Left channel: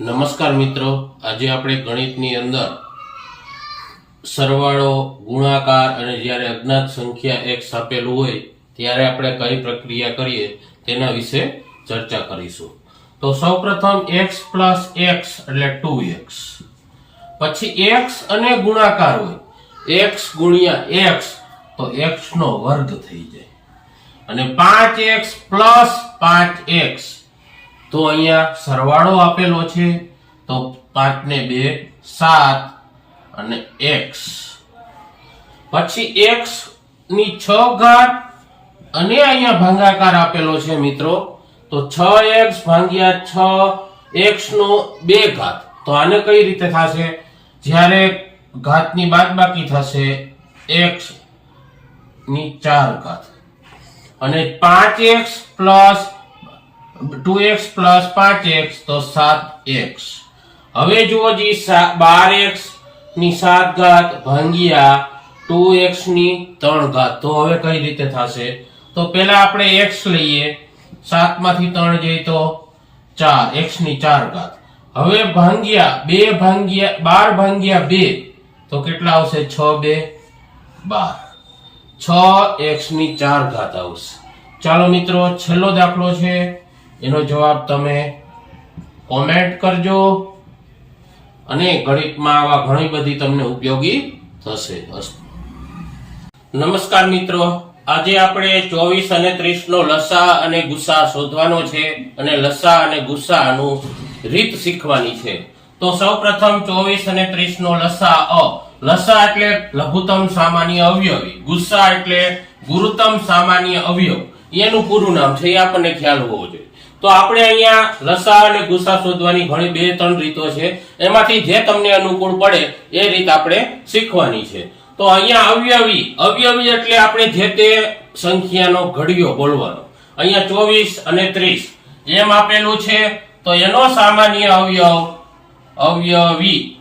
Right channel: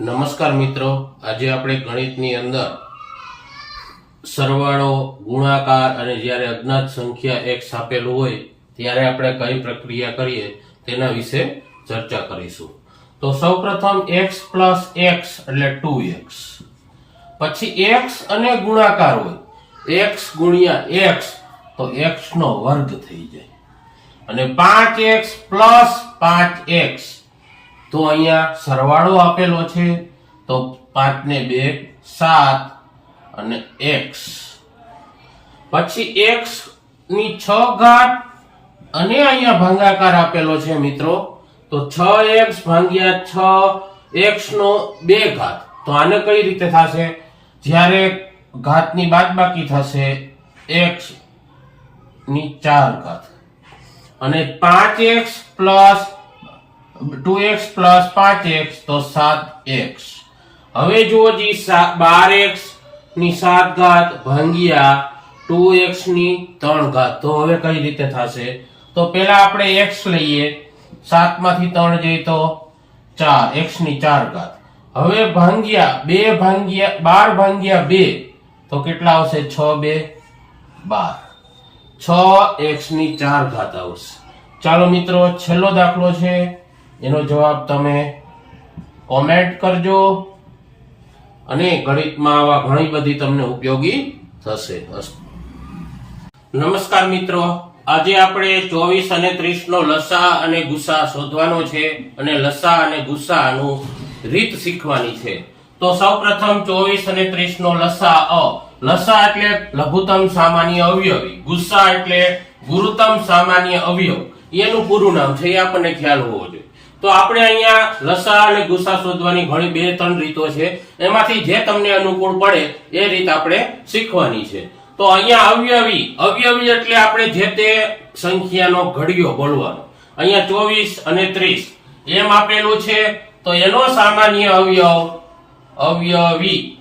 નમસ્કાર મિત્રો. આજે આપણે ગણિતની અંદર સરવાળો, ગુણાકાર અને જ્યારે અજ્ઞાત સંખ્યા એક આપેલું હોય, ત્યારે આપણે કઈ પ્રક્રિયા કરીએ તેના વિશે ચર્ચા કરીશું. તો સૌપ્રથમ એક્સ પ્લસ એક્સ એટલે ટુ એક્સ પછી એક્સ અને ગુણાકાર હોય. એક્સ ગુણ્યા એક્સ તો એક્સ નો વર્ગ થઈ જાય. અને પાંચ એક્સ પ્લસ પાંચ એક્સ તો અહીંયા સરવાળો આપેલો છે. તો પાંચ ને બે, સાત અને એક્સ. પછી એક્સની છ ઘાત અને અહીંયા ભાગાકાર આપેલો છે મિત્રો. તો છ એક્સ ભાગ્યા છ એક્સ નો બે ઘાત. તો આને કઈ રીતે થશે? જ્યારે ઘાતની બાદબાકી થશે, એક્સની ચાર ઘાત. અને પાંચ x plus two x plus પાંચ એક્સ તો સાત એક્સ. હવે જુઓ જી બાર એક્સની સાત ઘાત ભાંગ્યા ટુ એક્સની ત્રણ ઘાત. તો હવે કઈ રીતે થશે? તો પેલા આપણે એક્સ લઈએ. સાતમાંથી ત્રણ જઈએ તો ચાર. એક્સની ચાર ઘાત. હવે ભાંગ્યા બે ભાંગ્યા બાર ભાંગ્યા બે. તો કેટલા આવશે? છ બે બાર. છ એક્સની ચાર ઘાત આવશે. ચાલો મિત્રો, છેલ્લો દાખલો છે. એનો જવાબ તમે કોમેન્ટ કરજો અને ગણિતમાં આવા ઘણી બધી તમને ઉપયોગી થશે. નમસ્કાર મિત્રો, આજે આપણે ચોવીસ અને ત્રીસ નો લસા અને ગુસા શોધવાનો છે અને લસા અને ગુસાનું રીત શીખવાની છે. તો સૌપ્રથમ ચોવીસ અને ત્રીસ નો લસા અ. લસા એટલે લઘુત્તમ સામાન્ય અવયવી, ગુસ્સા એટલે ગુરુત્તમ સામાન્ય અવયવ. એનું પૂરું નામ છે એ આપણને ખ્યાલ હોવો જોઈએ. તો આપણે અહીંયા લસા અને ગુસા શોધવાની ઘણી બે ત્રણ રીતો છે. એમાંથી જે તમને અનુકૂળ પડે એ રીત આપણે શીખવાની છે. તો અહીંયા અવયવી અવયવી એટલે આપણે જે તે સંખ્યાનો ઘડિયો બોલવાનો. અહીંયા ચોવીસ અને ત્રીસ. એમ આપેલું છે, તો એનો સામાન્ય અવયવ, અવયવી.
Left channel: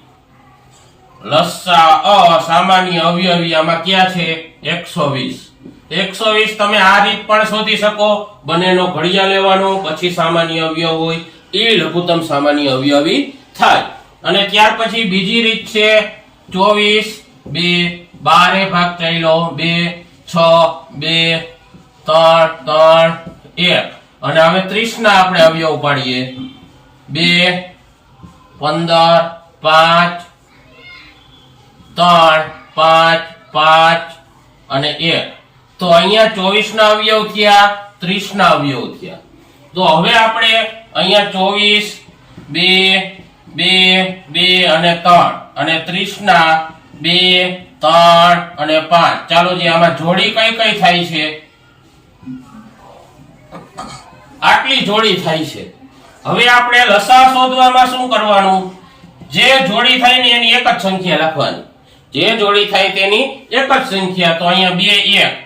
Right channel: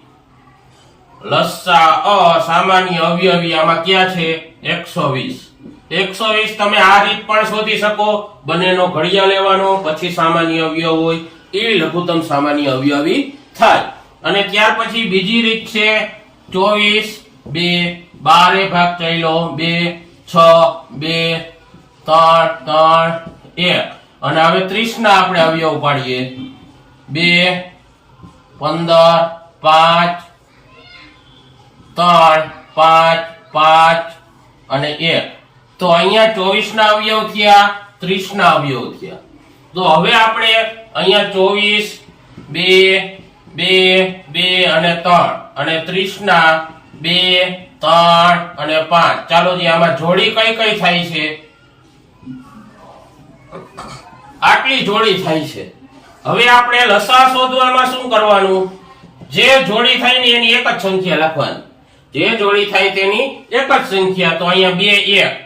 લસા અ સામાન્ય અવયવી આમાં ક્યાં છે? એકસો વીસ. એકસો વીસ તમે આ રીત પણ શોધી શકો. બંનેનો ઘડિયા લેવાનો, પછી સામાન્ય અવયવ હોય, એવી લઘુત્તમ સામાન્ય અવયવી થાય. અને ત્યાર પછી બીજી રીત છે, ચોવીસ, બે, બારે ભાગ થયેલો, બે, છ, બે, ત્રણ ત્રણ, એક. અને હવે ત્રીસ ના આપણે અવયવ પાડીએ બે, પંદર, પાંચ, ત્રણ, પાંચ પાંચ, અને એક. તો અહીંયા ચોવીસ ના અવયવ થયા ત્રીસ ના અવયવ થયા. તો હવે આપણે અહીંયા ચોવીસ, બે બે બે અને ત્રણ અને ત્રીસ ના બે, ત્રણ અને પાંચ. ચાલો જે આમાં જોડી કઈ કઈ થાય છે? આટલી જોડી થાય છે. હવે આપણે લસા શોધવામાં શું કરવાનું? જે જોડી થાય ને એની એક જ સંખ્યા લખવાની. જે જોડી થાય તેની એક જ સંખ્યા. તો અહીંયા બે, એક.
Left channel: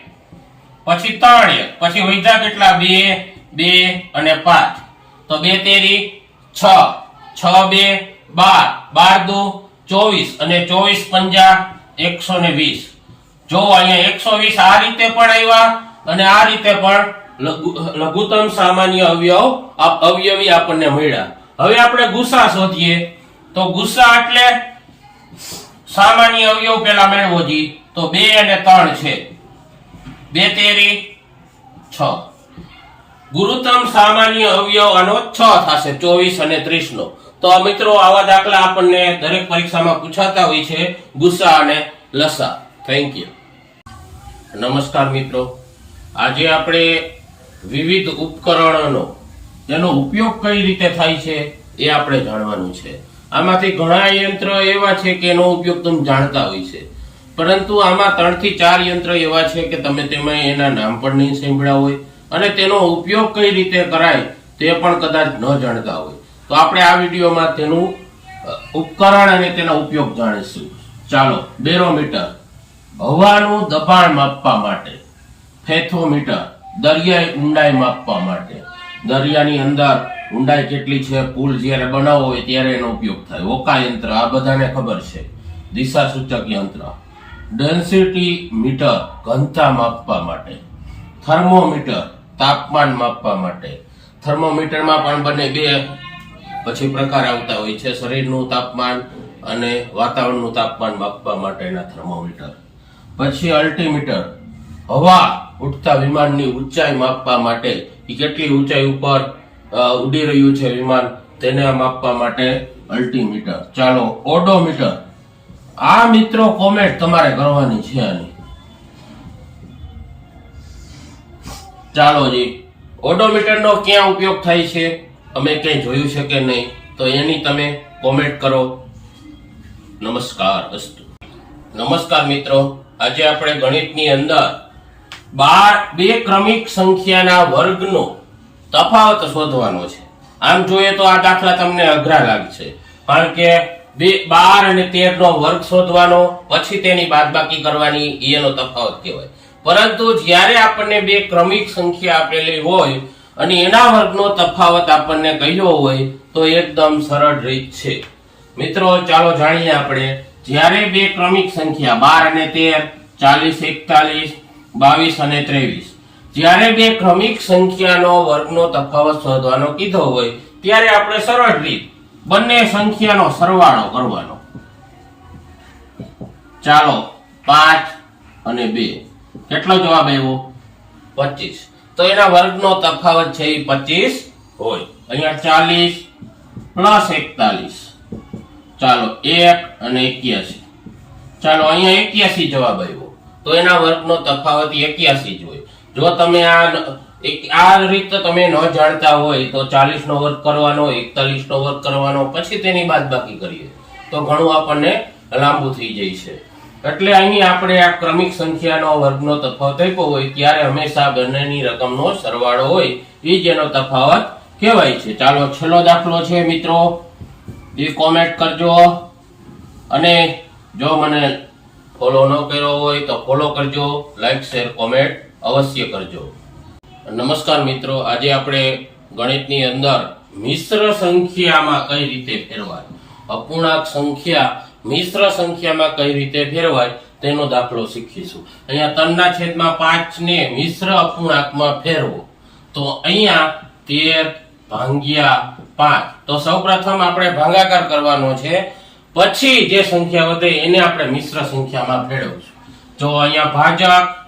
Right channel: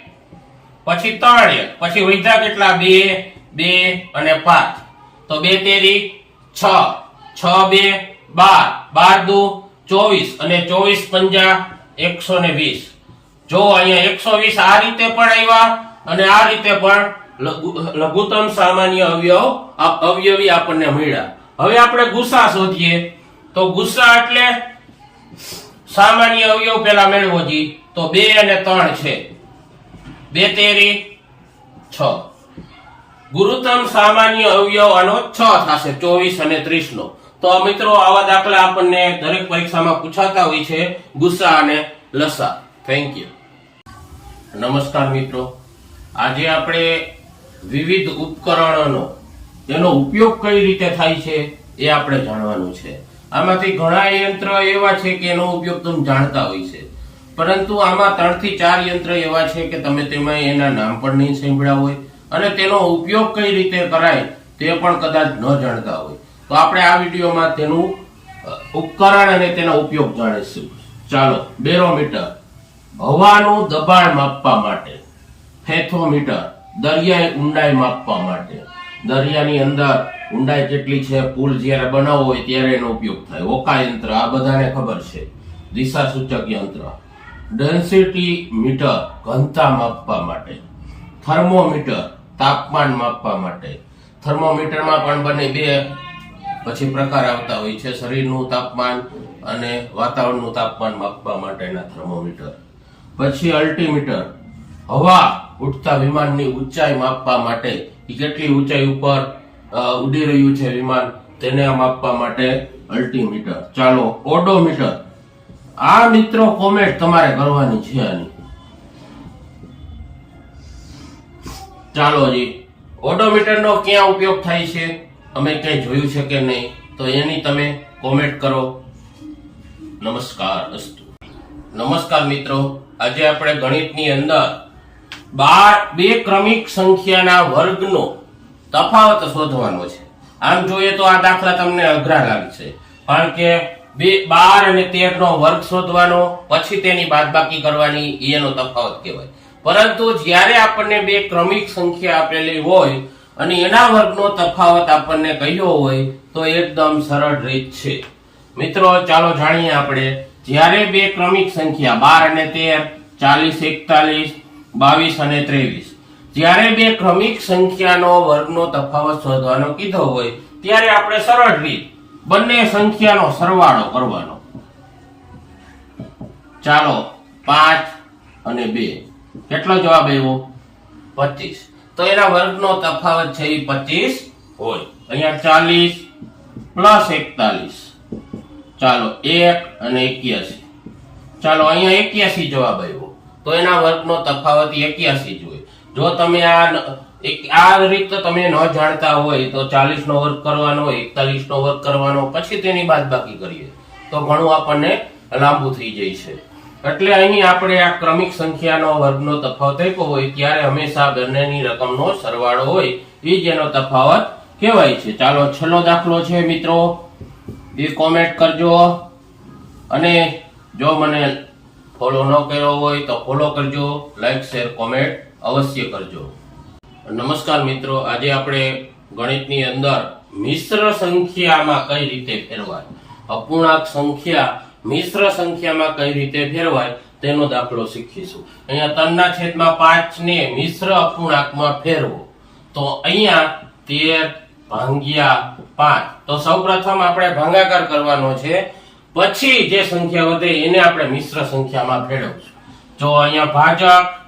પછી ત્રણ એક. પછી વધ્યા કેટલા? બે બે અને પાંચ. તો બે તેરી છ. છ, બે, બાર. બાર દુ ચોવીસ અને ચોવીસ પંજા એકસો ને વીસ. જો અહીંયા એકસો વીસ આ રીતે પણ આવ્યા અને આ રીતે પણ લઘુ- લઘુત્તમ સામાન્ય અવયવ અવયવી આપણને મળ્યા. હવે આપણે ગુસા શોધીએ. તો ગુસા એટલે સામાન્ય અવયવ પેલા મેળવો જી. તો બે અને ત્રણ છે. બે તેરી, છ. ગુરુત્તમ સામાન્ય અવયવ આનો છ થશે, ચોવીસ અને ત્રીસ નો તો મિત્રો, આવા દાખલા આપણને દરેક પરીક્ષામાં પૂછાતા હોય છે, ગુસ્સા અને લસા. થેન્ક યુ નમસ્કાર મિત્રો. આજે આપણે વિવિધ ઉપકરણોનો તેનો ઉપયોગ કઈ રીતે થાય છે, એ આપણે જાણવાનું છે. આમાંથી ઘણા યંત્ર એવા છે કે એનો ઉપયોગ તમે જાણતા હોય છે. પરંતુ આમાં ત્રણથી ચાર યંત્ર એવા છે કે તમે તેમાં એના નામ પણ નહીં સાંભળ્યા હોય અને તેનો ઉપયોગ કઈ રીતે કરાય તે પણ કદાચ ન જાણતા હોય. તો આપણે આ વિડીયોમાં તેનું ઉપકરણ અને તેનો ઉપયોગ જાણીશું. ચાલો, બેરોમીટર. હવાનું દબાણ માપવા માટે. ફેથોમીટર. દરિયાઈ ઊંડાઈ માપવા માટે. દરિયાની અંદર ઊંડાઈ કેટલી છે, પુલ જ્યારે બનાવવો હોય ત્યારે એનો ઉપયોગ થાય. ઓકા યંત્ર આ બધાને ખબર છે. દિશા સૂચક યંત્ર. ડેન્સિટી મીટર ઘનતા માપવા માટે, થર્મોમીટર તાપમાન માપવા માટે. થર્મોમીટરમાં પણ બંને બે પછી પ્રકાર આવતા હોય છે, શરીરનું તાપમાન અને વાતાવરણનું તાપમાન માપવા માટેના થર્મોમીટર. પછી અલ્ટીમીટર, હવા ઉઠતા વિમાનની ઊંચાઈ માપવા માટે એ કેટલી ઊંચાઈ ઉપર ઉડી રહ્યું છે વિમાન, તેને માપવા માટે અલ્ટીમીટર. ચાલો, ઓડોમીટર. આ મિત્રો કોમેન્ટ તમારે કરવાની છે આની. ચાલો જી. ઓડોમીટરનો ક્યાં ઉપયોગ થાય છે? અમે ક્યાંય જોયું છે કે નહીં? તો એની તમે કોમેન્ટ કરો. નમસ્કાર, અસ્તુ. નમસ્કાર મિત્રો. આજે આપણે ગણિતની અંદર બાર બે ક્રમિક સંખ્યાના વર્ગનો તફાવત શોધવાનો છે. આમ જોઈએ તો આ દાખલા તમને અઘરા લાગશે. કારણ કે બે, બાર અને તેર નો વર્ગ શોધવાનો, પછી તેની બાદબાકી કરવાની એનો તફાવત કહેવાય. પરંતુ જ્યારે આપણને બે ક્રમિક સંખ્યા આપેલી હોય અને એના વર્ગનો તફાવત આપણને કહ્યો હોય, તો એકદમ સરળ રીત છે. મિત્રો, ચાલો જાણીએ આપણે, જ્યારે બે ક્રમિક સંખ્યા, બાર અને તેર, ચાલીસ, એકતાલીસ, બાવીસ અને ત્રેવીસ, જ્યારે બે ક્રમિક સંખ્યાનો વર્ગનો તફાવત શોધવાનો કીધો હોય, ત્યારે આપણે સરળ રીત બંને સંખ્યાનો સરવાળો કરવાનો. ચાલો, પાંચ અને બે. કેટલો જવાબ આવ્યો? પચીસ. તો એના વર્ગનો તફાવત છે એ પચીસ હોય. અહીંયા ચાલીસ પ્લસ એકતાલીસ. ચાલો, એક અને એક્યાસી. ચાલો, અહીંયા એક્યાસી જવાબ આવ્યો. તો એના વર્ગનો તફાવત એક્યાસી જ હોય. જો તમે આ એક- આ રીત તમે ન જાણતા હોય તો ચાલીસ નો વર્ગ કરવાનો એકતાલીસ નો વર્ગ કરવાનો, પછી તેની બાદબાકી કરીએ. તો ઘણું આપણને લાંબુ થઈ જાય છે. એટલે અહીં આપણે આ ક્રમિક સંખ્યાનો વર્ગનો તફાવત આપ્યો હોય ત્યારે હંમેશા બંનેની રકમનો સરવાળો હોય એ જેનો તફાવત કહેવાય છે. ચાલો, છેલ્લો દાખલો છે મિત્રો. એ કોમેન્ટ કરજો. અને જો મને ફોલો ન કર્યો હોય તો ફોલો કરજો લાઈક શેર કોમેન્ટ અવશ્ય કરજો. નમસ્કાર મિત્રો, આજે આપણે ગણિતની અંદર મિશ્ર સંખ્યામાં કઈ રીતે ફેરવાય? અપૂર્ણાંક સંખ્યા મિશ્ર સંખ્યામાં કઈ રીતે ફેરવાય તેનો દાખલો શીખીશું. અહીંયા ત્રણના છેદમાં પાંચ ને મિશ્ર અપૂર્ણાંકમાં ફેરવો. તો અહીંયા તેર ભાંગ્યા પાંચ. તો સૌપ્રથમ આપણે ભાંગાકાર કરવાનો છે. પછી જે સંખ્યા વધે એને આપણે મિશ્ર સંખ્યામાં ફેરવશું. જો અહીંયા ભાજક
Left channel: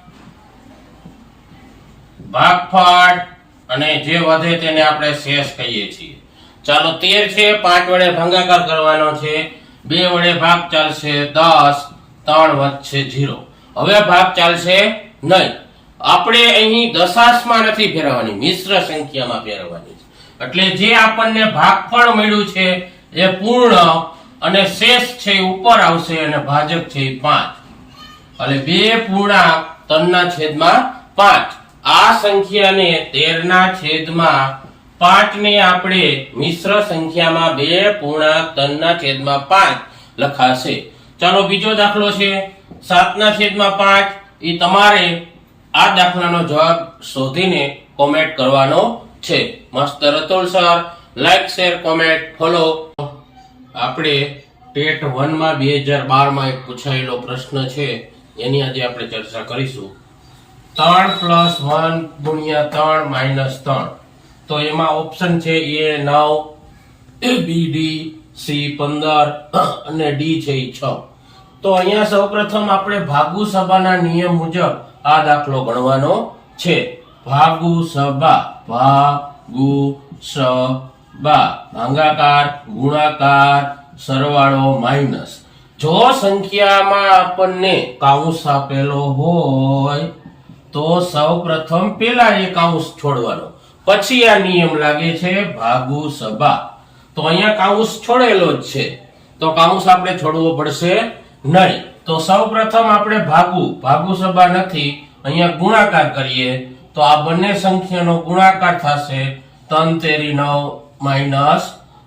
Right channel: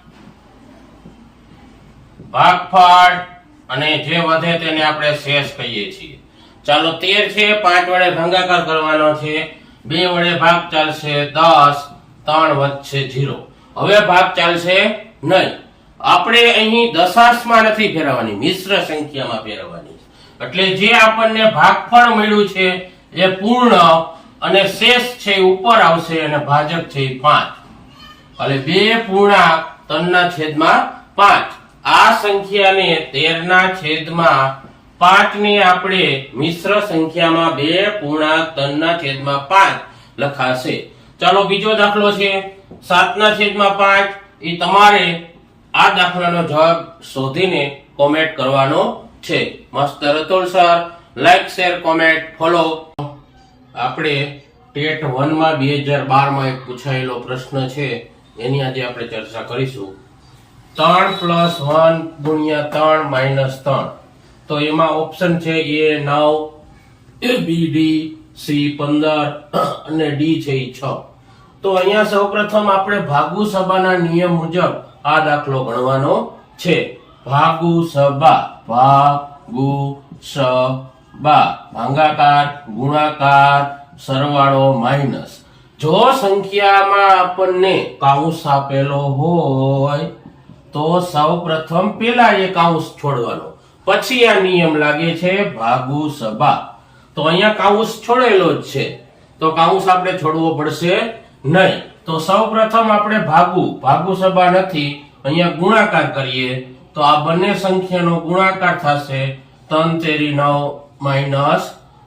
ભાગફળ અને જે વધે તેને આપણે શેષ કહીએ છીએ. ચાલો તેર છે, પાંચ વડે ભાગાકાર કરવાનો છે, બે વડે ભાગ ચાલશે દસ, ત્રણ વધશે જીરો હવે ભાગ ચાલશે નહીં આપણે અહીં દશાંશમાં નથી ફેરવવાની, મિશ્ર સંખ્યામાં ફેરવવાની એટલે જે આપણને ભાગફળ મળ્યું છે એ પૂર્ણ અને શેષ છે ઉપર આવશે અને ભાજક છે પાંચ. એટલે બે પૂર્ણાંક ત્રણના છેદમાં પાંચ. આ સંખ્યાને તેરના છેદમાં પાંચને આપણે મિશ્ર સંખ્યામાં બે પૂર્ણાંક ત્રણના છેદમાં પાંચ લખાશે. ચાલો, બીજો દાખલો છે. સાતના છેદમાં પાંચ. એ તમારે આ દાખલાનો જવાબ શોધીને કોમેન્ટ કરવાનો છે. મસ્ત Ratol sir like share comment follow આપણે ટેટ વનમાં બે હજાર બારમાં એક પૂછાયેલો પ્રશ્ન છે. એની આજે આપણે ચર્ચા કરીશું. ત્રણ પ્લસ વન ગુણ્યા ત્રણ માઇનસ ત્રણ. તો એમાં ઓપ્શન છે એ નવ બી, ડી, સી પંદર અને ડી છે એ છ. તો અહીંયા સૌપ્રથમ આપણે ભાગુ સભાના નિયમ મુજબ આ દાખલો ગણવાનો છે. ભાગુ સભા ભાગુ સભા. ભાંગાકાર, ગુણાકાર, સરવાળો માઇનસ જો સંખ્યામાં આપણને કાઉન્સ આપેલો હોય તો સૌ પ્રથમ પેલા એક કાઉન્સ છોડવાનો. પછી આ નિયમ લાગે છે ભાગુ સભા. તો અહીંયા કાઉન્સ છોડેલો જ છે. તો કાઉન્સ આપણે છોડવો પડશે નહીં. તો સૌ પ્રથમ આપણે ભાગુ. ભાગુ સભા નથી. અહીંયા ગુણાકાર કરીએ. તો આ બંને સંખ્યાનો ગુણાકાર થશે ત્રણ તેરી નવ માઇનસ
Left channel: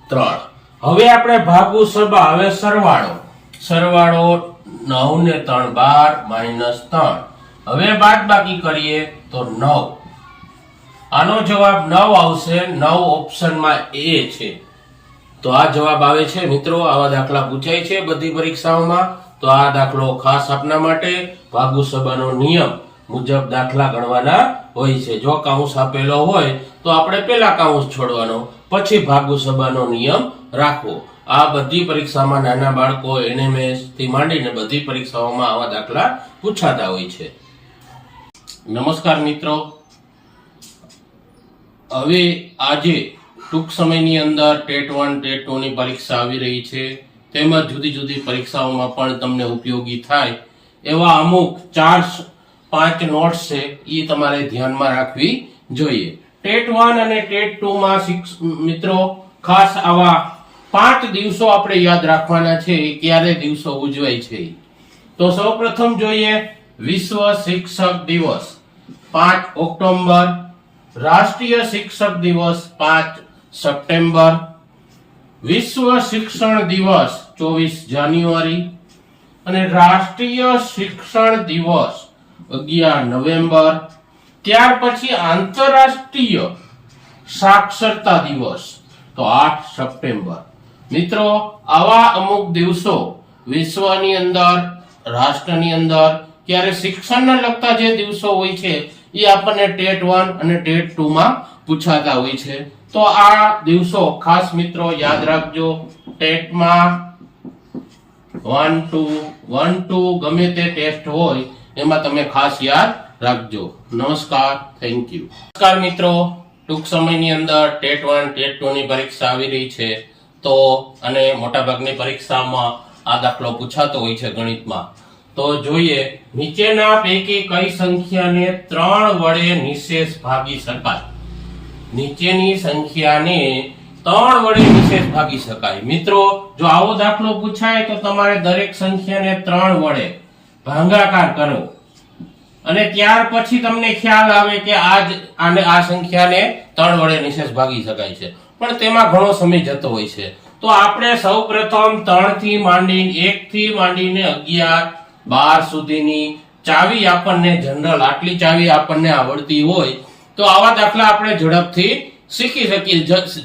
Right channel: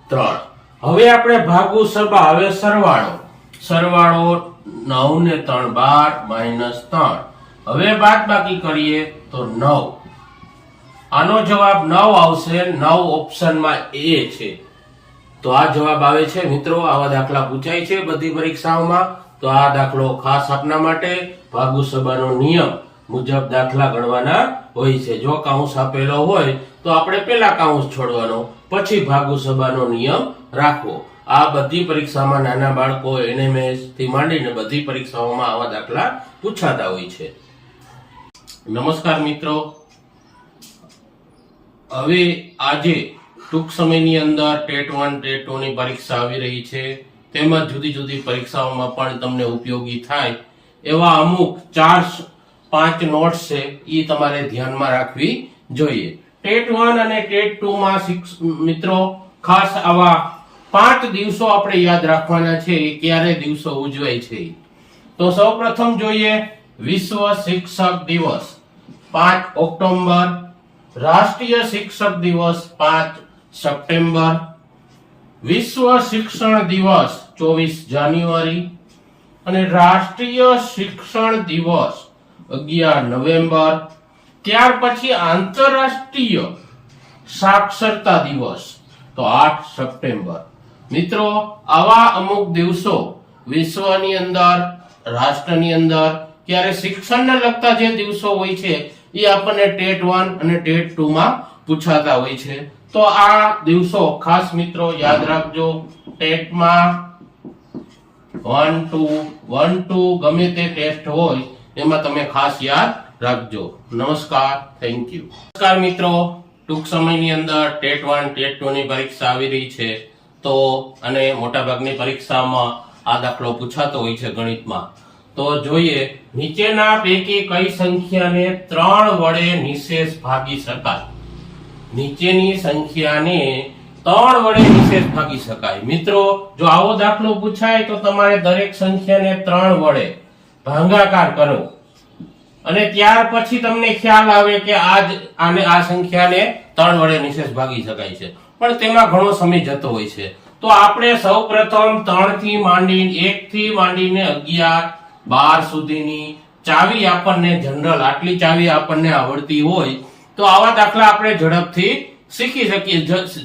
ત્રણ. હવે આપણે ભાગુ સભા. હવે સરવાળો. સરવાળો નવ ને ત્રણ બાર માઇનસ ત્રણ. હવે બાદ બાકી કરીએ તો નવ. આનો જવાબ નવ આવશે. નવ ઓપ્શનમાં એ છે. તો આ જવાબ આવે છે, મિત્રો, આવા દાખલા પૂછાય છે બધી પરીક્ષાઓમાં. તો આ દાખલો ખાસ આપના માટે ભાગુ સભાનો નિયમ મુજબ દાખલા ગણવાના હોય છે. જો કાઉન્સ આપેલો હોય, તો આપણે પેલા કાઉન્સ છોડવાનો, પછી ભાગુ સભાનો નિયમ રાખવો. આ બધી પરીક્ષામાં નાના બાળકો, એનએમએસથી માંડીને બધી પરીક્ષાઓમાં આવા દાખલા પૂછાતા હોય છે. નમસ્કાર મિત્રો. હવે આજે ટૂંક સમયની અંદર ટેટ વન, ટેટ ટુ ની પરીક્ષા આવી રહી છે. તેમજ જુદી જુદી પરીક્ષાઓમાં પણ તમને ઉપયોગી થાય એવા અમુક ચાર પાંચ નોટ્સ છે એ તમારે ધ્યાનમાં રાખવી જોઈએ. ટેટ વન અને ટેટ ટુ માં શિક્ષ- મિત્રો, ખાસ આવા પાંચ દિવસો આપણે યાદ રાખવાના છે ક્યારે દિવસો ઉજવાય છે. તો સૌપ્રથમ જોઈએ વિશ્વ શિક્ષક દિવસ. પાંચ ઓક્ટોબર રાષ્ટ્રીય શિક્ષક દિવસ પાંચ સપ્ટેમ્બર, વિશ્વ શિક્ષણ દિવસ ચોવીસ જાન્યુઆરી અને રાષ્ટ્રીય શિક્ષણ દિવસ અગિયાર નવેમ્બર. ત્યાર પછી આંતરરાષ્ટ્રીય સાક્ષરતા દિવસ, તો આઠ સપ્ટેમ્બર. મિત્રો, આવા અમુક દિવસો વિશ્વની અંદર, રાષ્ટ્રની અંદર, ક્યારે શિક્ષણને લગતા જે દિવસો હોય છે એ આપણને ટેટ વન અને ટેટ ટુ માં પૂછાતા હોય છે. તો આ દિવસો ખાસ મિત્રો યાદ રાખજો. ટેટમાં વન ટુ વન ટુ ગમે તે ટેસ્ટ હોય, એમાં તમે ખાસ યાદ રાખજો. નમસ્કાર, થેન્ક યુ. નમસ્કાર મિત્રો, ટૂંક સમયની અંદર ટેટ વન, ટેટ ટુ ની પરીક્ષા આવી રહી છે. તો, અને મોટાભાગની પરીક્ષામાં આ દાખલો પૂછાતો હોય છે ગણિતમાં. તો જોઈએ, નીચેના પૈકી કઈ સંખ્યાને ત્રણ વડે નિશેષ ભાગી શકાય? નીચેની સંખ્યાને ત્રણ વડે નિશેષ ભાગી શકાય. મિત્રો, જો આવો દાખલો પૂછાય તો તમારે દરેક સંખ્યાને ત્રણ વડે ભાંગાકાર કરો અને ત્યાર પછી તમને ખ્યાલ આવે કે આજ આને આ સંખ્યાને ત્રણ વડે નિશેષ ભાગી શકાય છે. પણ તેમાં ઘણો સમય જતો હોય છે. તો આપણે સૌ પ્રથમ ત્રણથી માંડી એક થી માંડીને અગિયાર બાર સુધીની ચાવી આપણને જનરલ આટલી ચાવી આપણને આવડતી હોય, તો આવા દાખલા આપણે ઝડપથી શીખી શકીએ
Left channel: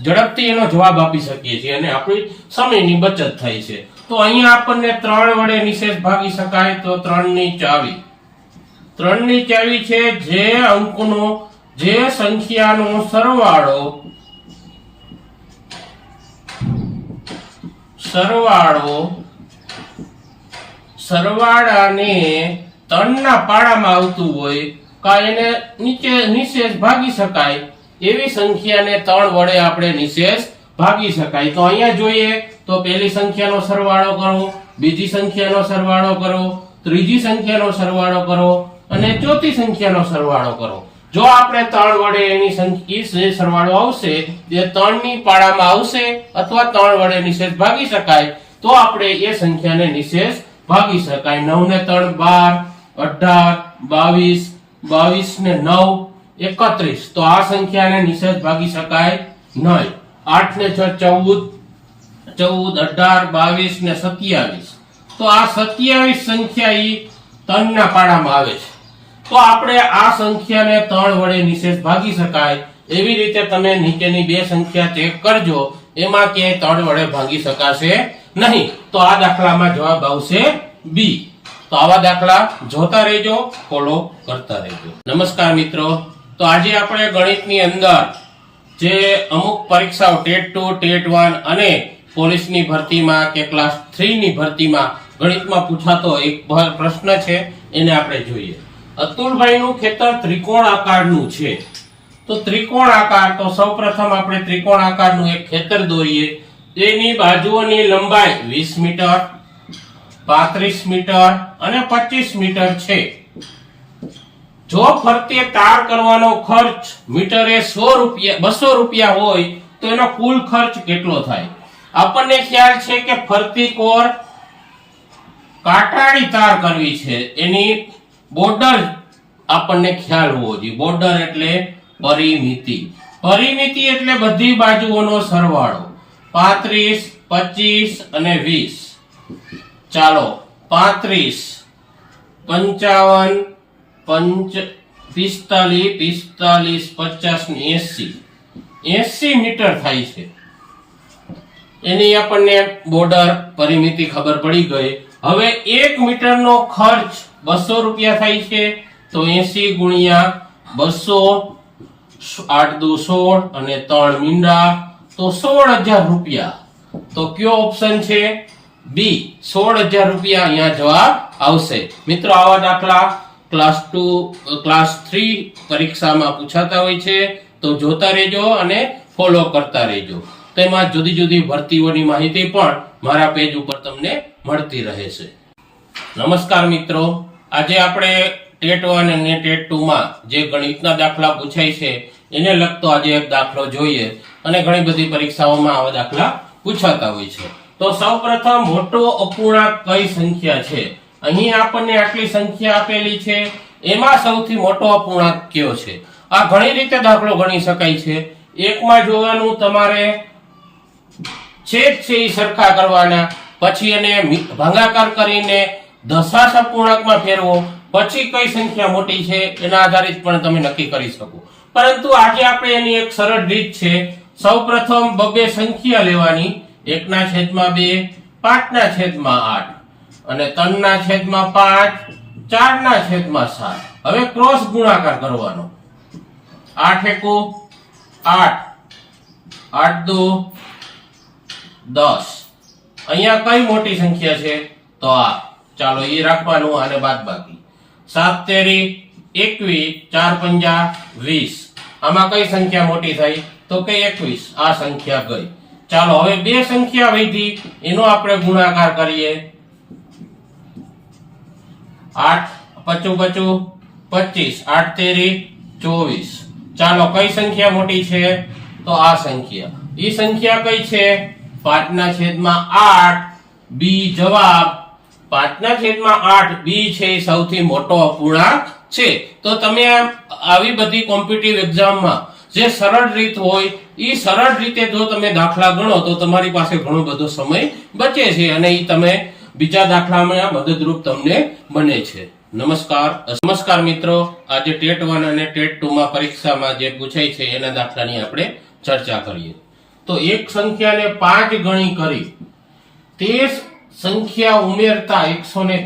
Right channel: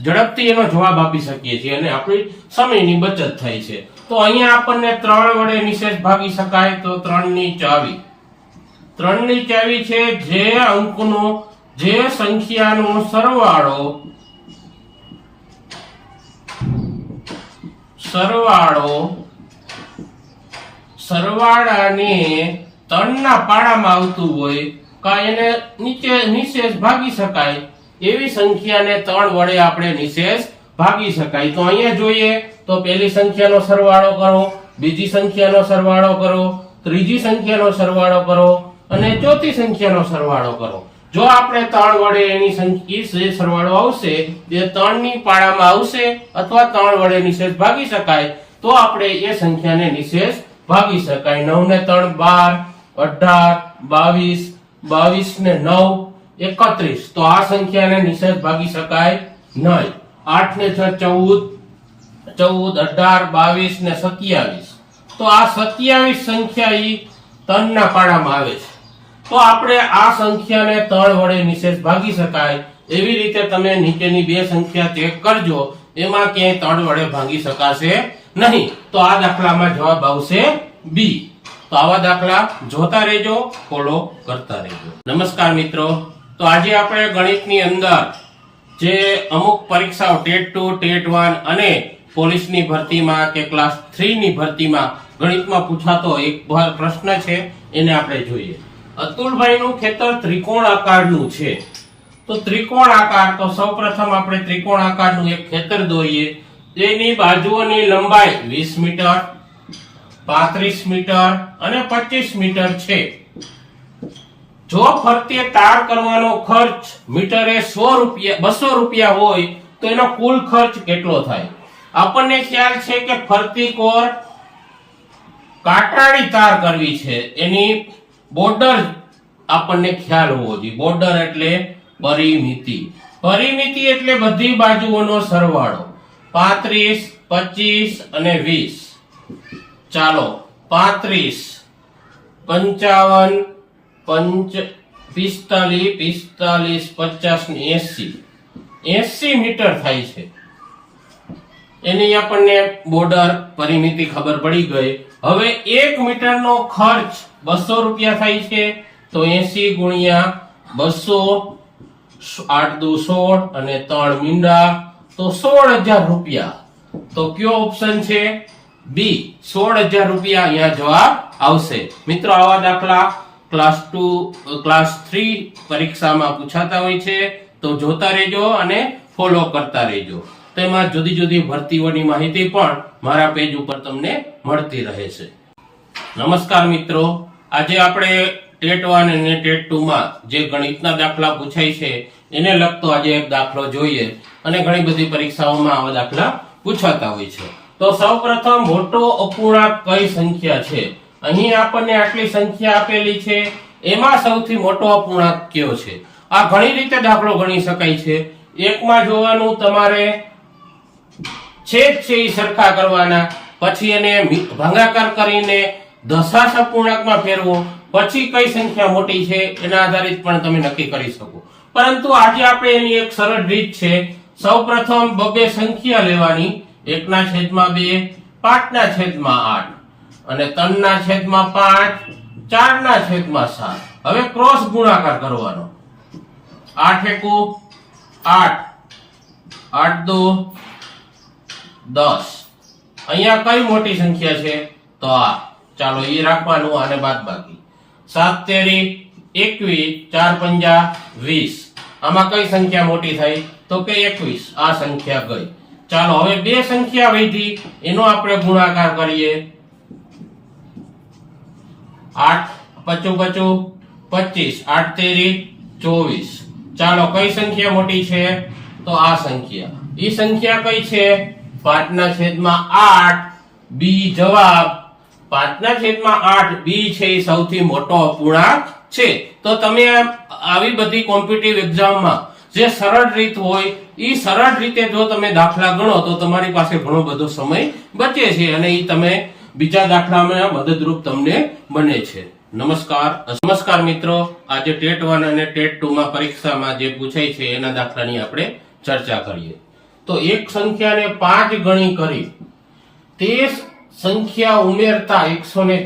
ઝડપથી એનો જવાબ આપી શકીએ છીએ અને આપણી સમયની બચત થાય છે. તો અહીંયા આપણને ત્રણ વડે નિશેષ ભાગી શકાય, તો ત્રણની ચાવી. ત્રણની ચાવી છે જે અંકનો, જે સંખ્યાનો સરવાળો સરવાળો સરવાળાને ત્રણના પાડામાં આવતું હોય કા એને નીચે નિશેષ ભાગી શકાય. એવી સંખ્યાને ત્રણ વડે આપણે નિશેષ ભાગી શકાય. તો અહીંયા જોઈએ, તો પહેલી સંખ્યાનો સરવાળો કરો, બીજી સંખ્યાનો સરવાળો કરો, ત્રીજી સંખ્યાનો સરવાળો કરો અને ચોથી સંખ્યાનો સરવાળો કરો. જો આપણે ત્રણ વડે એની સંખ્યા સરવાળો આવશે જે ત્રણની પાડામાં આવશે અથવા ત્રણ વડે નિશેષ ભાગી શકાય, તો આપણે એ સંખ્યાને નિશેષ ભાગી શકાય. નવ ને ત્રણ બાર, અઢાર, બાવીસ બાવીસ ને નવ, એકત્રીસ. તો આ સંખ્યાને નિષેધ ભાગી શકાય નહીં. આઠ ને છ, ચૌદ ચૌદ, અઢાર, બાવીસ ને સત્યાવીસ. તો આ સત્યાવીસ સંખ્યા ઈ ત્રણના પાડામાં આવે છે. તો આપણે આ સંખ્યાને ત્રણ વડે નિષેધ ભાગી શકાય. એવી રીતે તમે નીચેની બે સંખ્યા ચેક કરજો. એમાં ક્યાંય ત્રણ વડે ભાગી શકાશે નહીં. તો આ દાખલામાં જવાબ આવશે બી. તો આવા દાખલા જોતા રહેજો ફોલો કરતા રહેજો. નમસ્કાર મિત્રો. તો આજે આપણે ગણિતની અંદર જે અમુક પરીક્ષાઓ ટેટ ટુ, ટેટ વન અને પોલીસની ભરતીમાં કે ક્લાસ થ્રીની ભરતીમાં ગણિતમાં પૂછાતો એક પ્રશ્ન છે, એને આપણે જોઈએ. અતુલભાઈનું ખેતર ત્રિકોણ આકારનું છે. તો ત્રિકોણ આકાર, તો સૌપ્રથમ આપણે ત્રિકોણ આકારનું એક ખેતર દોરીએ. તેની બાજુઓની લંબાઈ 20 મીટર 35 મીટર અને 25 મીટર છે. જો ફરતે તાર કરવાનો ખર્ચ મીટરે સો રૂપિયા, બસો રૂપિયા હોય, તો એનો કુલ ખર્ચ કેટલો થાય? આપણને ખ્યાલ છે કે ફરતી કોર કાંટાળી તાર કરવી છે. એની બોર્ડર આપણને ખ્યાલ હોવો જોઈએ. બોર્ડર એટલે પરિમિતિ. પરિમિતિ એટલે બધી બાજુઓનો સરવાળો. પાંત્રીસ, પચીસ અને વીસ. ચાલો, પાંત્રીસ, પંચાવન, પંચ, પિસ્તાલીસ પિસ્તાલીસ પચાસ ને એસી. એસી મીટર થાય છે. એની આપણને બોર્ડર પરિમિતિ ખબર પડી ગઈ. હવે એક મીટરનો ખર્ચ બસો રૂપિયા થાય છે. તો એસી ગુણ્યા બસો, આઠ દુ સોળ અને ત્રણ મીંડા. તો સોળ હજાર રૂપિયા. તો કયો ઓપ્શન છે? બી સોળ હજાર રૂપિયા અહીંયા જવાબ આવશે. મિત્રો, આવા દાખલા ક્લાસ ટુ ક્લાસ થ્રી પરીક્ષામાં પૂછાતા હોય છે. તો જોતા રહેજો અને ફોલો કરતા રહેજો. તેમાં જુદી જુદી ભરતીઓની માહિતી પણ મારા પેજ ઉપર તમને મળતી રહે છે નમસ્કાર મિત્રો. આજે આપણે ટેટ વન અને ટેટ ટુ માં જે ગણિતના દાખલા પૂછાય છે, એને લગતો આજે એક દાખલો જોઈએ. અને ઘણી બધી પરીક્ષાઓમાં આવા દાખલા પૂછાતા હોય છે. તો સૌપ્રથમ મોટો અપૂર્ણાંક કઈ સંખ્યા છે? અહીં આપણને આટલી સંખ્યા આપેલી છે. એમાં સૌથી મોટો અપૂર્ણાંક કયો છે? આ ઘણી રીતે દાખલો ગણી શકાય છે. એકમાં જોવાનું તમારે છેદ છે એ સરખા કરવાના. પછી એને ભાગાકાર કરીને દશાંશ અપૂર્ણાંકમાં ફેરવો. પછી કઈ સંખ્યા મોટી છે એના આધારિત પણ તમે નક્કી કરી શકો. પરંતુ આજે આપણે એની એક સરળ રીત છે. સૌપ્રથમ બબે સંખ્યા લેવાની, એકના છેદમાં બે, પાંચના છેદમાં આઠ, અને ત્રણના છેદમાં પાંચ, ચારના છેદમાં સાત. હવે ક્રોસ ગુણાકાર કરવાનો. આઠ એકુ, આઠ આઠ દો, દસ. અહીંયા કઈ મોટી સંખ્યા છે? તો આ. ચાલો એ રાખવાનું અને બાદ બાકી. સાત તેરી, એકવીસ, ચાર પંજા, વીસ. આમાં કઈ સંખ્યા મોટી થઈ? તો કે એકવીસ. આ સંખ્યા ગઈ. ચાલો, હવે બે સંખ્યા વૈધી. એનો આપણે ગુણાકાર કરીએ. આઠ, પચું પચું, પચીસ. આઠ, તેરી, ચોવીસ. ચાલો, કઈ સંખ્યા મોટી છે? તો આ સંખ્યા. એ સંખ્યા કઈ છે? પાંચના છેદમાં આઠ, બી જવાબ. પાંચના છેદમાં આઠ, બી છે સૌથી મોટો અપૂર્ણાંક છે. તો તમે આવી બધી કોમ્પિટિટિવ એક્ઝામમાં જે સરળ રીત હોય એ સરળ રીતે જો તમે દાખલા ગણો, તો તમારી પાસે ઘણો બધો સમય બચે છે અને એ તમે બીજા દાખલામાં મદદરૂપ તમને બને છે. નમસ્કાર. નમસ્કાર મિત્રો. આજે ટેટ વન અને ટેટ ટુ માં પરીક્ષામાં જે પૂછાય છે, એના દાખલાની આપણે ચર્ચા કરીએ. તો એક સંખ્યાને પાંચ ગણી કરી, તે સંખ્યા ઉમેરતા એકસો ને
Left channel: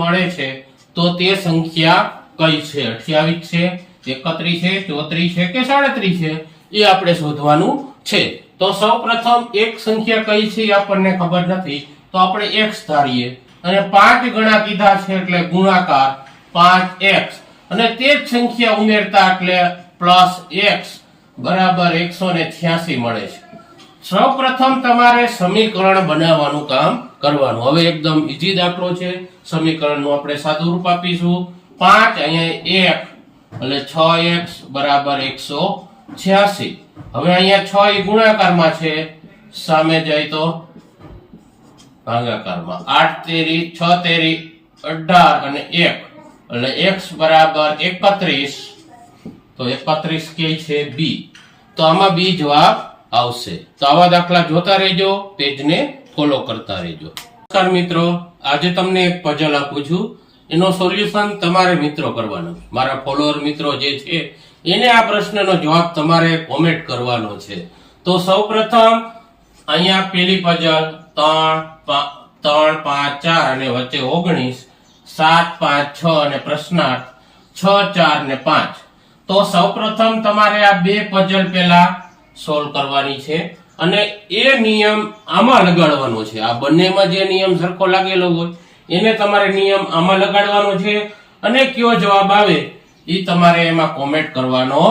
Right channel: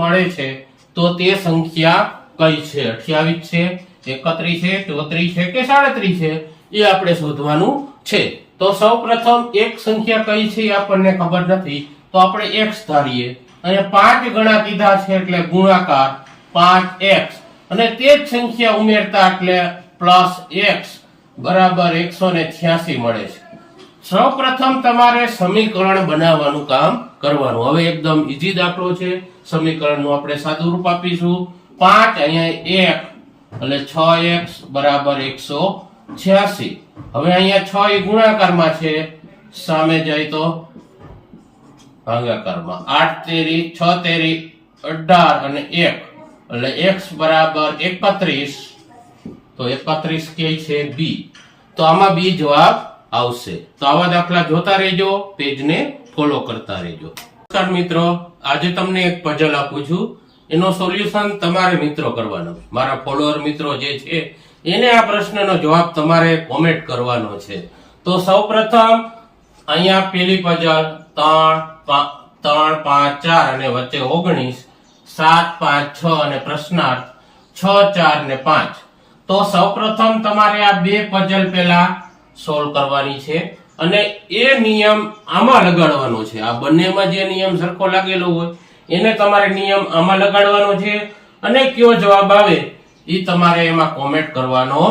મળે છે, તો તે સંખ્યા કઈ છે? અઠ્યાવીસ છે. એકત્રીસ છે, ચોત્રીસ છે કે સાડત્રીસ છે? એ આપણે શોધવાનું છે. તો સૌ પ્રથમ એક સંખ્યા કઈ છે આપણને ખબર નથી. તો આપણે એક્સ ધારીએ. અને પાંચ ગણા કીધા છે એટલે ગુણાકાર પાંચ એક્સ અને તે જ સંખ્યા ઉમેરતા એટલે પ્લસ એક્સ બરાબર એકસો ને છ્યાસી મળે છે. સૌપ્રથમ તમારે સમીકરણ બનાવવાનું કામ કરવાનું. હવે એકદમ ઈઝી દાખલો છે. સમીકરણનું આપણે સાદું રૂપ આપીશું. પાંચ અહીંયા એક એટલે છ એક્સ બરાબર એકસો છ્યાસી. હવે અહીંયા છ એ ગુણાકારમાં છે. સામે જાય તો ભાગાકારમાં. આઠ તેરી, છ તેરી, અઢાર અને એક. એટલે એક્સ બરાબર એકત્રીસ. તો એકત્રીસ કે છે બી. તો આમાં બી જવાબ આવશે. તો આવા દાખલા જોતા રહેજો, પેજને ફોલો કરતા રહેજો. નમસ્કાર મિત્રો, આજે તમને એક પઝલ આપું છું. એનો સોલ્યુશન તમારે મિત્રો કરવાનો છે. મારા ફોલોઅર મિત્રો જે છે, એને આ પ્રશ્નનો જવાબ તમારે કોમેન્ટ કરવાનો છે. તો સૌપ્રથમ, અહીંયા પેલી પઝલ ત્રણ ત્રણ, પાંચ, ચાર અને વચ્ચે ઓગણીસ, સાત, પાંચ, છ અને પ્રશ્નાર્થ છ, ચાર ને પાંચ. તો સૌપ્રથમ તમારે આ બે પઝલ પહેલા સોલ્વ કરવાની છે અને એ નિયમ આમાં લગાડવાનો છે. આ બંનેમાં જે નિયમ સરખો લાગેલો હોય એને તમારે નિયમ આમાં લગાડવાનો છે અને કયો જવાબ આવે એ તમારે એમાં કોમેન્ટ કરવાનો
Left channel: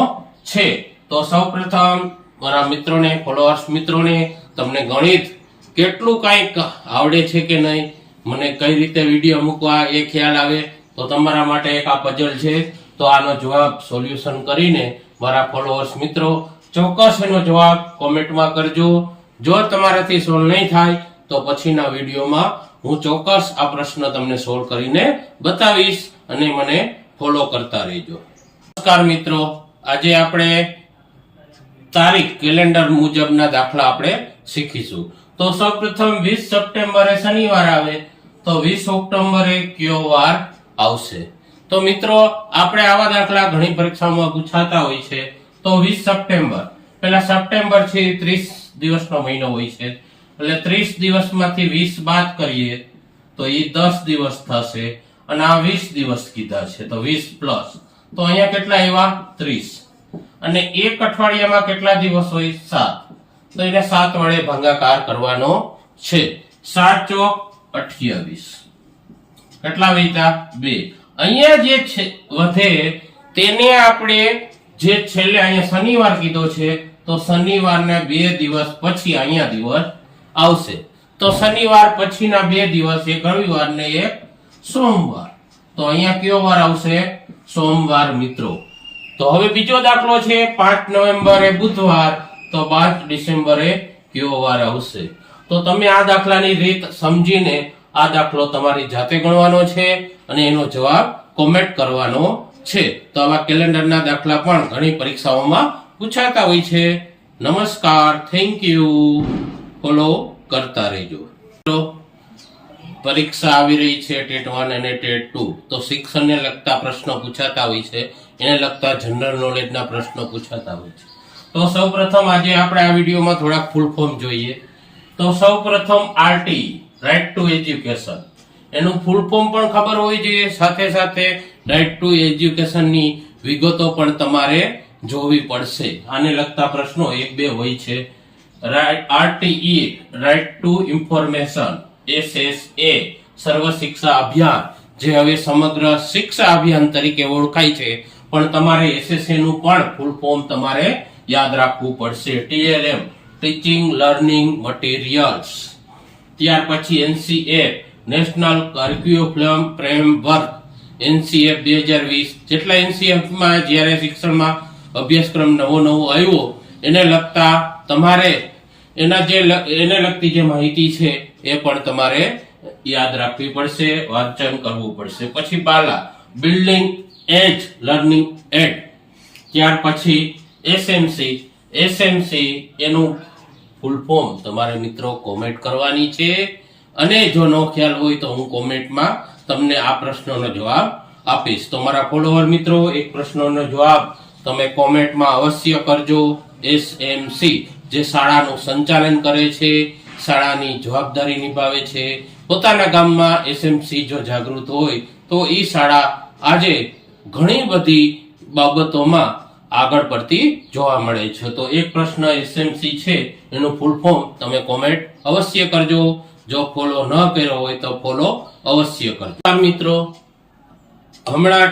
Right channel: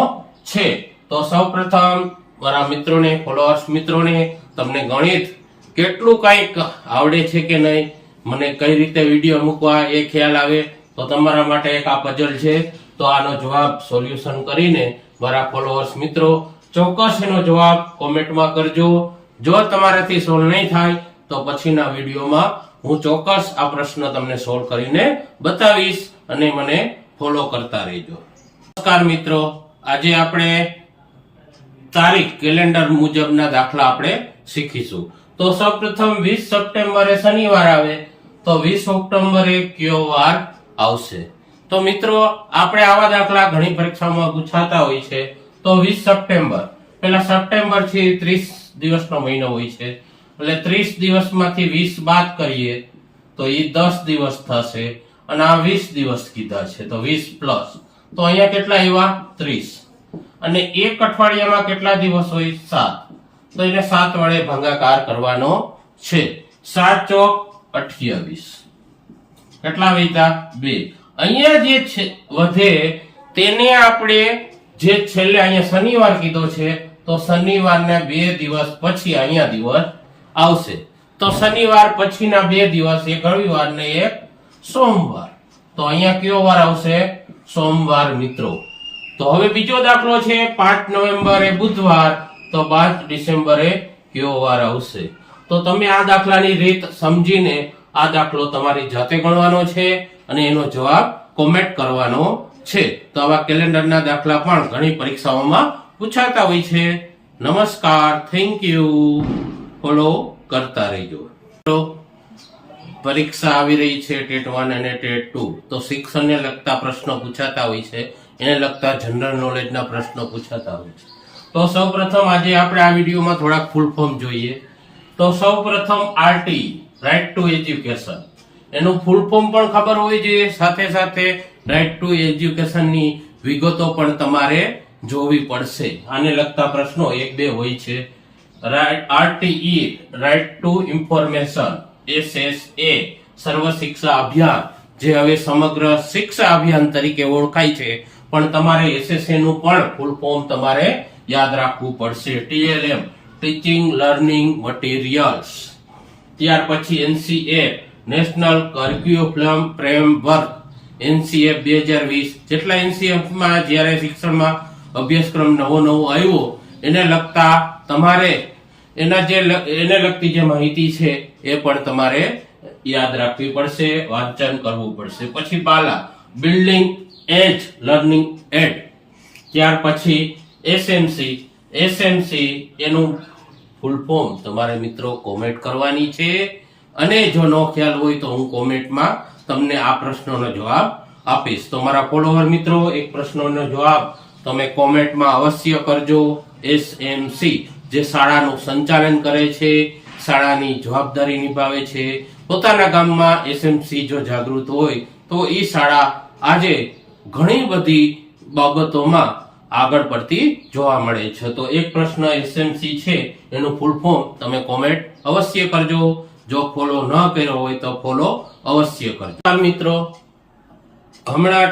છે. તો સૌપ્રથમ મારા મિત્રોને ફોલોઅર્સ મિત્રોને, તમને ગણિત કેટલું કંઈક આવડે છે કે નહીં, મને કઈ રીતે વીડિયો મૂકવા એ ખ્યાલ આવે, તો તમારા માટે એક આ પઝલ છે. તો આનો જવાબ સોલ્યુશન કરીને મારા ફોલોઅર્સ મિત્રો ચોક્કસ એનો જવાબ કોમેન્ટમાં કરજો. જો તમારાથી સોલ્વ નહીં થાય, તો પછીના વિડીયોમાં હું ચોક્કસ આ પ્રશ્ન તમને સોલ્વ કરીને બતાવીશ અને મને ફોલો કરતા રહેજો. નમસ્કાર મિત્રો, આજે આપણે તારીખ કેલેન્ડર મુજબના દાખલા આપણે શીખીશું. તો સૌપ્રથમ વીસ સપ્ટેમ્બરે શનિવાર આવે, તો વીસ ઓક્ટોબરે કયો વાર આવશે? તો મિત્રો, આપણે આવા દાખલા ઘણી પરીક્ષાઓમાં પૂછાતા હોય છે. તો વીસ સપ્ટેમ્બર. પેલા સપ્ટેમ્બરથી ત્રીસ દિવસનો મહિનો હોય છે. એટલે ત્રીસ દિવસમાંથી વીસ બાદ કરીએ, તો એ દસ દિવસ થશે અને આ વીસ દિવસ કીધા છે, તો વીસ પ્લસ. તો અહીંયા કેટલા આવ્યા? ત્રીસ. અને એક અઠવાડિયામાં કેટલા દિવસ હોય? સાત. તો એને સાત વડે ભાગાકાર કરવાનો છે. સાત ચોક અઠ્યાવીસ. કેટલા વધ્યા બે. અહીંયા જે છે, વધે તેને આપણે જે છેલ્લે અહીંયા શનિવાર કીધો છે, તો શનિવારને બે દિવસ પછી અહીંયા દિવસ આવશે. તો શનિવાર પછીના બે દિવસ એક રવિવાર ને એક સોમવાર. તો અહીંયા કયો વાર આવશે? સોમવાર, મિત્રો. તો હવે બીજો દાખલો છે, પાંચ નવેમ્બરે બુધવાર. તો પાંચ ડિસેમ્બરે કયો વાર આવશે? તો તમે આ દાખલાની રીત સમજીને આ દાખલો તમારી જાતે ગણવાનો છે અને એનો જવાબ કોમેન્ટ કરવાનો છે. તો આવા કેલેન્ડરના દાખલા પણ ઘણી પરીક્ષાઓમાં પૂછાતા હોય છે. નમસ્કાર થેન્ક યુ ફોલો કરતા રહેજો. તો પરીક્ષા આવી રહી છે ટેટ વન અને ટેટ ટુ. તો શિક્ષણને લગતા પ્રશ્નો પૂછાતા હોય છે. એને લગતા જનરલ નોલેજના પ્રશ્નો પૂછાતા હોય છે. તો સૌપ્રથમ આજે આપણે આ વિડીયોમાં થોડાક ફૂલ ફોર્મ જોઈએ. તો સૌપ્રથમ આરટી, રાઇટ ટુ એજ્યુકેશન. એનું ફૂલ ફોર્મ પણ ખબર હોવી જોઈએ સાથે સાથે રાઇટ ટુ એજ્યુકેશનની વિગતો પણ તમારે જોવી પડશે. આને લગતા પ્રશ્નો એક બે હોય છે. RTE right to information SSA Sarva Shiksha Abhiyan જે હવે સમગ્ર શિક્ષા અભિયાન તરીકે ઓળખાય છે. પણ તમારે એસએસએ નું પણ ફૂલ ફોર્મ તમારે યાદ રાખવું પડશે. ટીએલએમ ટીચિંગ લર્નિંગ મટીરિયલ્સ ત્યાર પછી NCA national curriculum framework NCF બે હજાર વીસ, જેટલા એનસીએફમાં જ્યારે શિક્ષણમાં અભ્યાસક્રમ નવો નવો આવ્યો, એને લગતા તમારે એના જે એને લગતી જે માહિતી છે, એ પણ તમારે યાદ રાખવી પડશે, વાંચન કરવું પડશે. પછી BaLA building as, learning aid. ત્યાર પછી એસએમસી એસએમસી એનું ફૂલ ફોર્મ તમારે મિત્રો કોમેન્ટ કરવાની છે. અને જો નો ખ્યાલ હોય તો હું કોમેન્ટમાં તમને આ પ્રશ્નોનો જવાબ આપીશ. તો મારા ફોલોવર મિત્રો, એક પ્રશ્નોનો જવાબ તમે કોમેન્ટમાં અવશ્ય કરજો. એસએમસી. જે શાળાનું સંચાલન કરે છે, શાળાની જવાબદારી નિભાવે છે, પોતાના ગામમાં એસએમસી જો જાગૃત હોય, તો એ શાળા આજે ઘણી બધી બાબતોમાં આગળ પડતી જોવા મળે છે. તો એક પ્રશ્ન એસએમસી છે, એનું ફૂલ ફોર્મ તમે કોમેન્ટ અવશ્ય કરજો. જો ફોલો ન કર્યો હોય તો ફોલો અવશ્ય કરજો. મિત્રો, હમણાં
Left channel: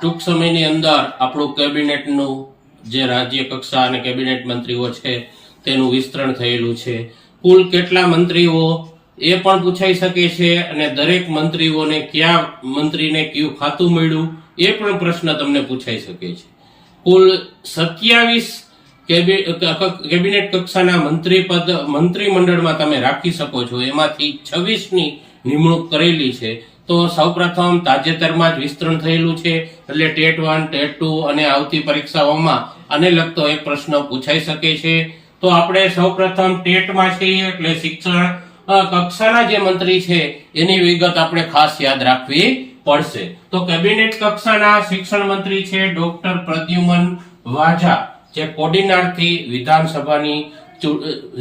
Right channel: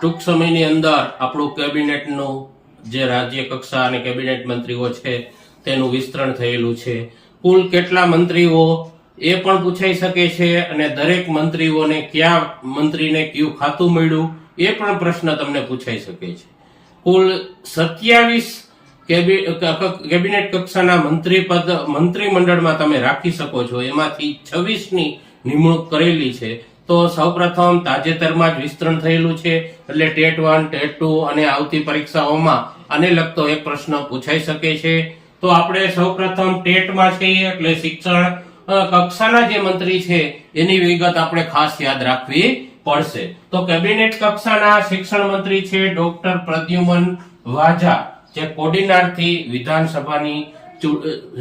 ટૂંક સમયની અંદર આપણું કેબિનેટનું જે રાજ્ય કક્ષા અને કેબિનેટ મંત્રીઓ છે તેનું વિસ્તરણ થયેલું છે. કુલ કેટલા મંત્રીઓ એ પણ પૂછાઈ શકે છે અને દરેક મંત્રીઓને કયા મંત્રીને કયું ખાતું મળ્યું એ પણ પ્રશ્ન તમને પૂછાઈ શકે છે. કુલ સત્યાવીસ કેબિનેટ કક્ષાના મંત્રી પદ, મંત્રીમંડળમાં તમે રાખી શકો છો. એમાંથી છવ્વીસની નિમણૂક કરેલી છે. તો સૌપ્રથમ તાજેતરમાં જ વિસ્તરણ થયેલું છે. એટલે ટેટ વન, ટેટ ટુ અને આવતી પરીક્ષાઓમાં આને લગતો એક પ્રશ્ન પૂછાઈ શકે છે. તો આપણે સૌપ્રથમ ટેટમાં છીએ એટલે શિક્ષણ કક્ષાના જે મંત્રી છે, એની વિગત આપણે ખાસ યાદ રાખવી પડશે. તો કેબિનેટ કક્ષાના શિક્ષણ મંત્રી છે ડોક્ટર પ્રદ્યુમન વાજા, જે કોડીનારથી વિધાનસભાની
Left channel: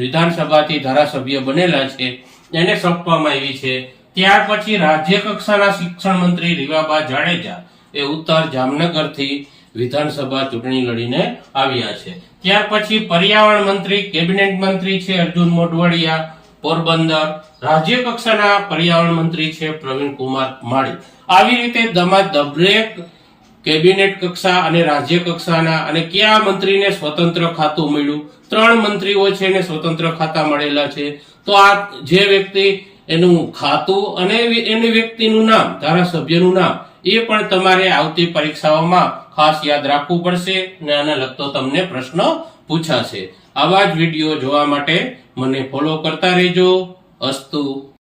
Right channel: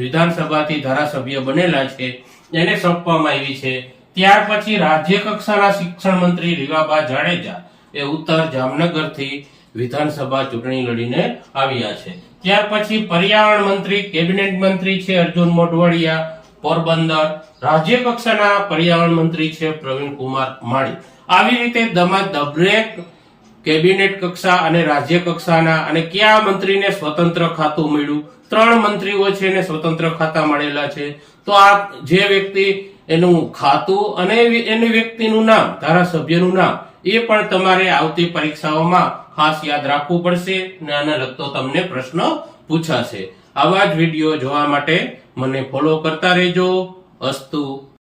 વિધાનસભાથી ધારાસભ્ય બનેલા છે. એને સોંપવામાં આવી છે. ત્યાર પછી રાજ્ય કક્ષાના શિક્ષણ મંત્રી રીવાબા જાડેજા, એ ઉત્તર જામનગરથી વિધાનસભા ચૂંટણી લડીને આવ્યા છે. ત્યાર પછી પર્યાવરણ મંત્રી, કેબિનેટ મંત્રી છે અર્જુન મોઢવાડિયા, પોરબંદર રાજ્ય કક્ષાના પર્યાવરણ મંત્રી છે પ્રવીણ કુમાર માળી. આવી રીતે દમા દરેક કેબિનેટ કક્ષા અને રાજ્ય કક્ષાના અને કયા મંત્રીને સ્વતંત્ર ખાતું મળ્યું? ત્રણ મંત્રીઓ છે એને સ્વતંત્ર ખાતા મળેલા છે. તો આ જે વ્યક્તિ એનું ખાતું અને એની વ્યક્તિનું નામ, ધારાસભ્યનું નામ, એ પણ તમારે આવતી પરીક્ષાઓમાં ખાસ યાદ રાખવું પડશે અને આને લગતો તમને પ્રશ્ન પૂછાશે. આવા જ વીડિયો જોવા માટે મને ફોલો કરતા રહેજો. અસ્તુ.